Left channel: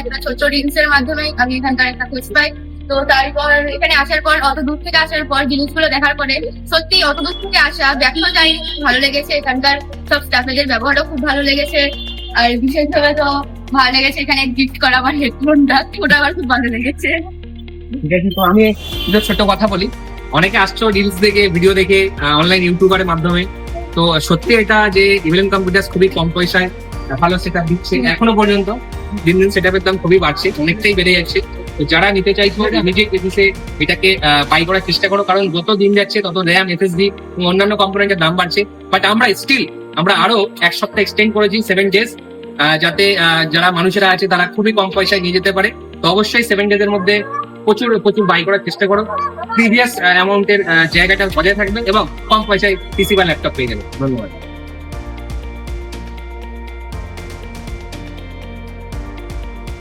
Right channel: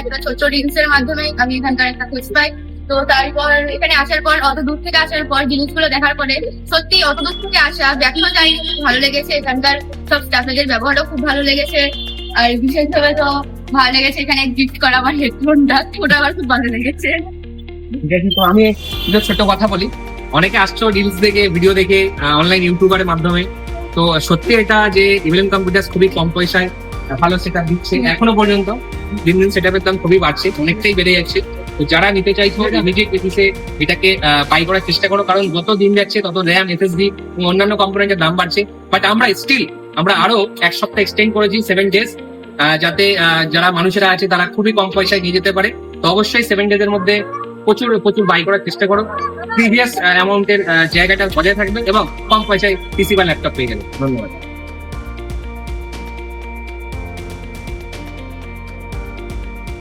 একটা ছোট রিলসের মাধ্যমে আমি এখানকার একটা খোঁজ পাই। তো তারপর এখানে আসার পর, অত দূর থেকে আসার পর জিনিসগুলো দেখার পরে সত্যি অত দূর থেকে আসা খুব ভালো লেগেছে। এখানকার সব স্টাফেদের ব্যবহারও খুব ভালো লেগেছে। আর বিশেষভাবে তো ভালো লেগেছে এখানে গিফট করা আমার হেডফোনটা ওটা আমার খুব ভালো লেগেছে। আমি ছোট কথা বলি। অনেকে আসছো রিলস দেখে ভিডিও দেখে অনলাইন ইউটিউবারের মাধ্যমে। তো সত্যি এটা যে ইভিএম কম্পিউটার খুবই কম পয়সায় ভালো সেটা দিচ্ছে এখনও পর্যন্ত। দিন দিন দাম খুবই বাড়ছে, অনেকটাই বেড়ে যাচ্ছে। যারা নিতে চাইছো নিজে এসে এটাকে বাই করার চেষ্টা করো, কারণ যত দিন যাচ্ছে, তত নেয়া এসএসডি অন্যান্য দাম বাড়ছে। বাট আমরা স্টিল আমরা আরও এক সপ্তাহ এক্সটেন্ড করেছি সেভেন ডেজ যাতে যারা মানুষেরা আছে, তারা খুবই কম পয়সায় নিয়ে যেতে পারে। তো অবশ্যই সেভেন ডেজ এর মধ্যে প্রচুর প্রচুর বাই করার চেষ্টা করো। প্রিভিয়াস অ্যামাউন্টের জায়গাটা বজায় থাকবে এবং কম পয়সায় পিসি বা ল্যাপটপ পেয়ে যাবে। ধন্যবাদ।